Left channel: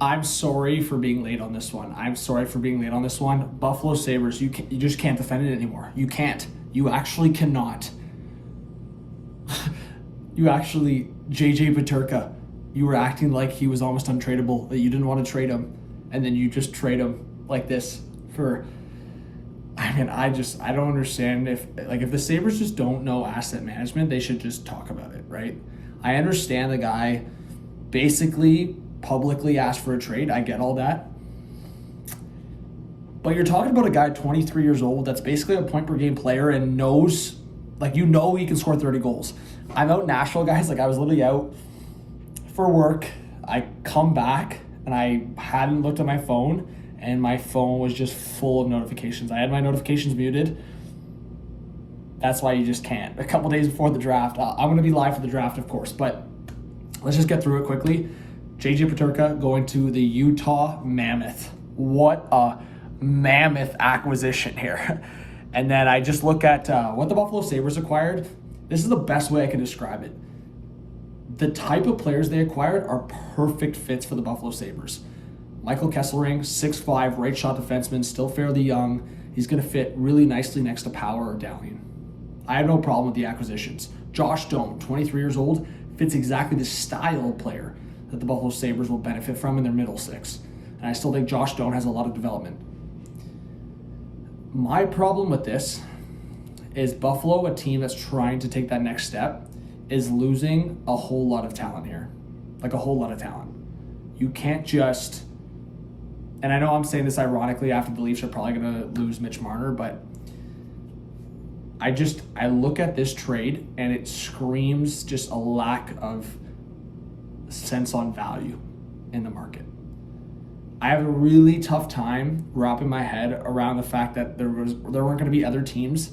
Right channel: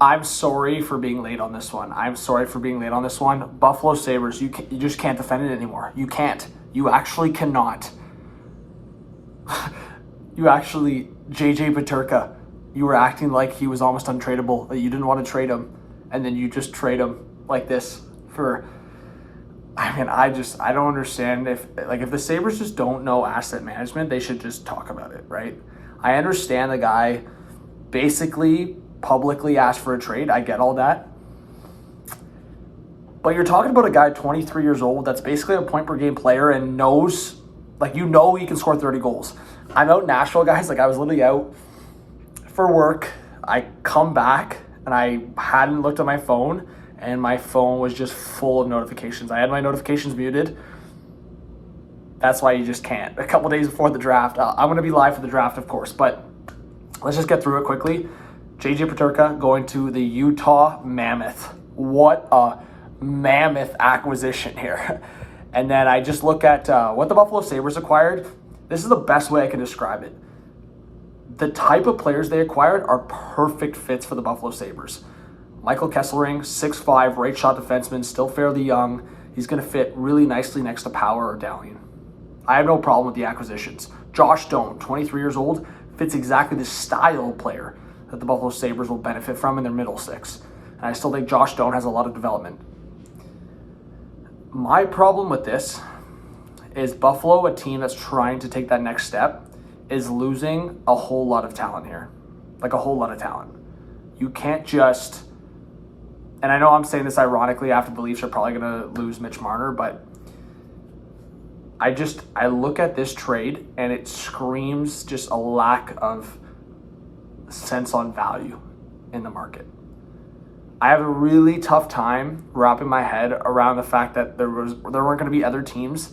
I'm sorry for being late on this one. Buffalo Sabres, you just can't defend it anymore. You can't. You actually cannot. JJ PETERKA, you were acting like he was almost untradeable, that you didn't want to trade him, and then you just trade him like this for... I mean, I don't understand if the Sabres just don't know asset management, they should just talk about it, right? I understand the guy basically publicly asked for a trade. I get all that. But you're talking about a guy 23 years old that's basically a point per game player and knows, he can score 30 goals. I'm out in Nashville, guys. I was literally out for work. I come back and I hadn't looked at my phone, and my phone was just full of notifications. I had my notifications muted. That's why you just can't. A couple days before the draft, I'm going to be live for the draft, of course, but let's just get through it quickly. JJ PETERKA going to the Utah Mammoth. What a mammoth acquisition here. And then I just look at what the Buffalo Sabres acquired. This is the best way I can describe it. The type of players they acquired are perfect fits for the Buffalo Sabres. Michael Kesselring, 6'5", right shot defenseman, still fairly young. He's going to fit really nicely next to Power or Dowling. I have no problem with the acquisitions. Josh Doan, 23 years old, fits exactly the style player that the Buffalo Sabres will benefit from in their middle six. And I still think Josh Doan has a lot of development. My problem with this is Buffalo, a team that's trying to take that next step, is losing a whole lot of talent here. A whole lot of talent. You can't just... And I know I'm saying this ironically after the Leafs are probably going to lose Mitch Marner, but I look at this trade and it screams just a lack of sense on value in the market. I have a really tough time wrapping my head around the fact that there weren't going to be other teams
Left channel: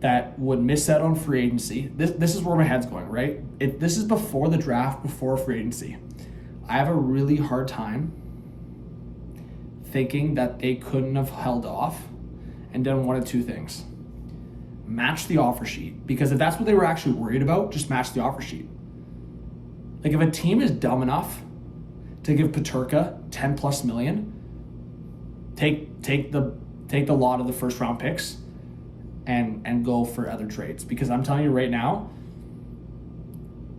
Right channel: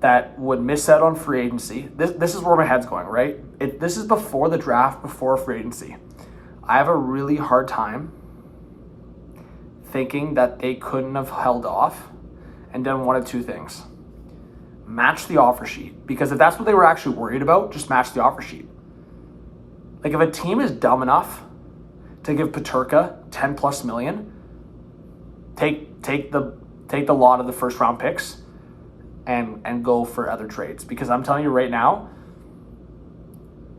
that would miss out on free agency. This is where my head's going, right? This is before the draft, before free agency. I have a really hard time thinking that they couldn't have held off and done one of two things. Match the offer sheet. Because if that's what they were actually worried about, just match the offer sheet. If a team is dumb enough to give PETERKA 10 plus million, take the lot of the first round picks and go for other trades. Because I'm telling you right now,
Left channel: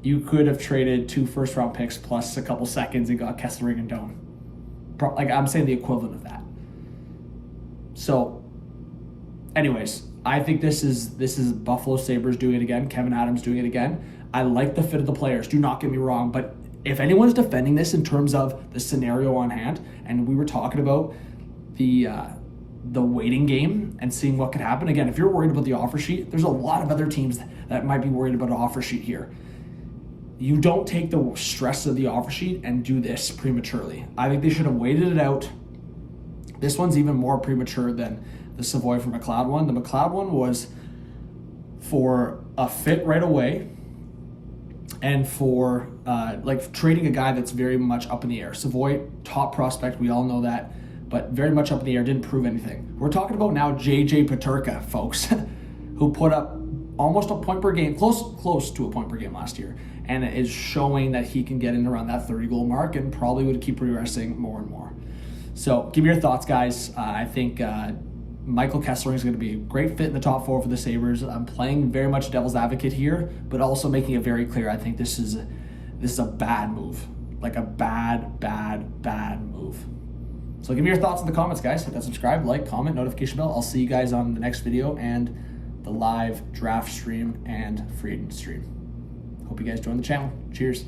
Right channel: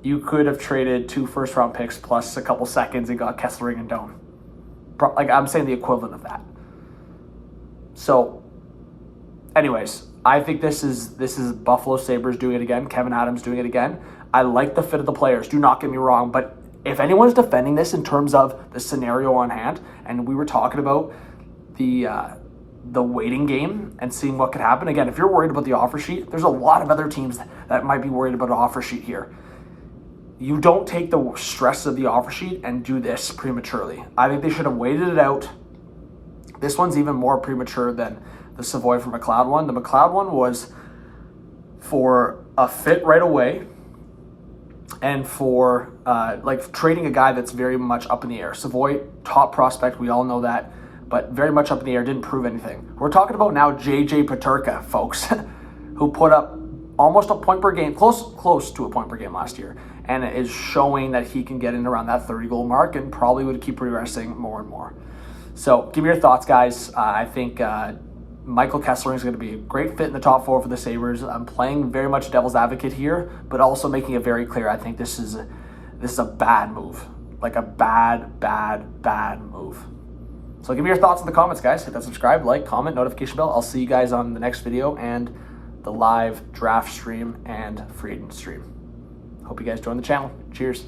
you could have traded 2 first round picks plus a couple seconds and got Kesselring and Doan. I'm saying the equivalent of that. So, anyways, I think this is Buffalo Sabres doing it again. Kevin Adams doing it again. I like the fit of the players. Do not get me wrong, but if anyone's defending this in terms of the scenario on hand, and we were talking about the waiting game and seeing what could happen. Again, if you're worried about the offer sheet, there's a lot of other teams that might be worried about an offer sheet here. You don't take the stress of the offer sheet and do this prematurely. I think they should have waited it out. This one's even more premature than the Savoy for McLeod one. The McLeod one was for a fit right away and for trading a guy that's very much up in the air. Savoy, top prospect, we all know that, but very much up in the air, didn't prove anything. We're talking about now JJ PETERKA, folks, who put up almost a point per game, close to a point per game last year, and is showing that he can get in around that 30-goal mark and probably would keep progressing more and more. So give me your thoughts, guys. I think Michael Kesselring is going to be a great fit in the top 4 for the Sabres. I'm playing very much devil's advocate here, but also making it very clear. I think this is a bad move, a bad move. So give me your thoughts in the comments, guys. Hit that subscribe, like, comment, notification bell. I'll see you guys on the next video and the live draft stream and free agent stream. Hope you guys join the channel. Cheers.